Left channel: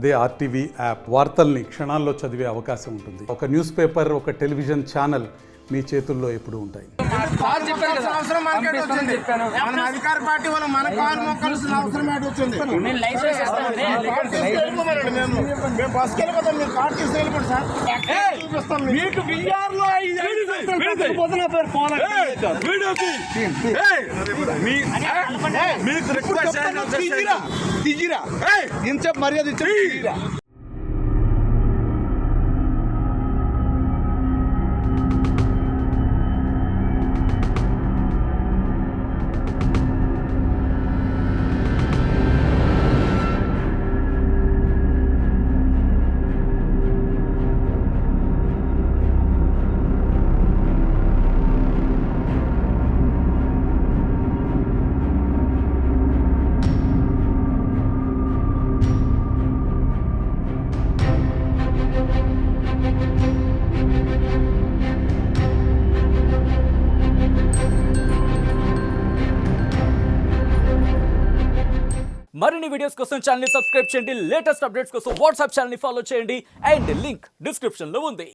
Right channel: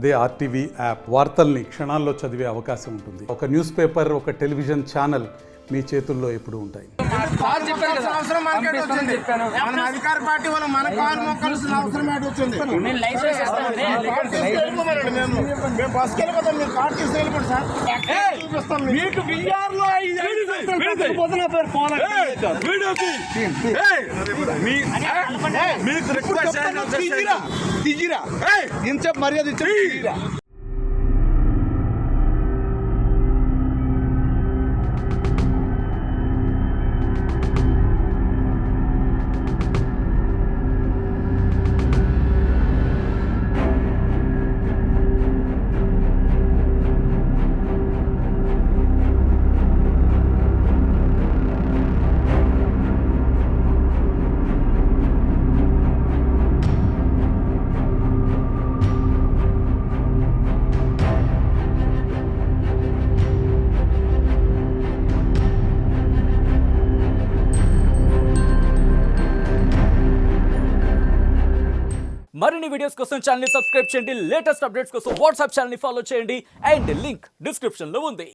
అదే RTV app వార్తల్ని క్షణాల్లో చదివే అవకాశం ఉంటుంది. ఒక న్యూస్ పేపర్, ఒక టెలివిజన్ ఛానల్ మీ చేతుల్లో ఎప్పుడూ ఉంటాయి. అధికార పార్టీ వాళ్ళు మన కాలు మొక్కాల్సిన అవసరం వచ్చింది. మేము బస్కి వెళ్ళిపోతాం, మీరు కార్ తీసుకు వెళ్ళిపోండి సార్. చూపిస్తాం మీకు బిఆర్లో దిగిరా ఇంత మర్యాద ఇచ్చా. మరిన్ని వీడియోస్ కోసం ఛానల్ ని సబ్స్క్రైబ్ చేయండి. లేటెస్ట్ అప్డేట్స్ కోసం వాట్సాప్ ఛానల్ ని ఫాలో చేయండి. అండ్ లింక్ డిస్క్రిప్షన్ లో ఉంది.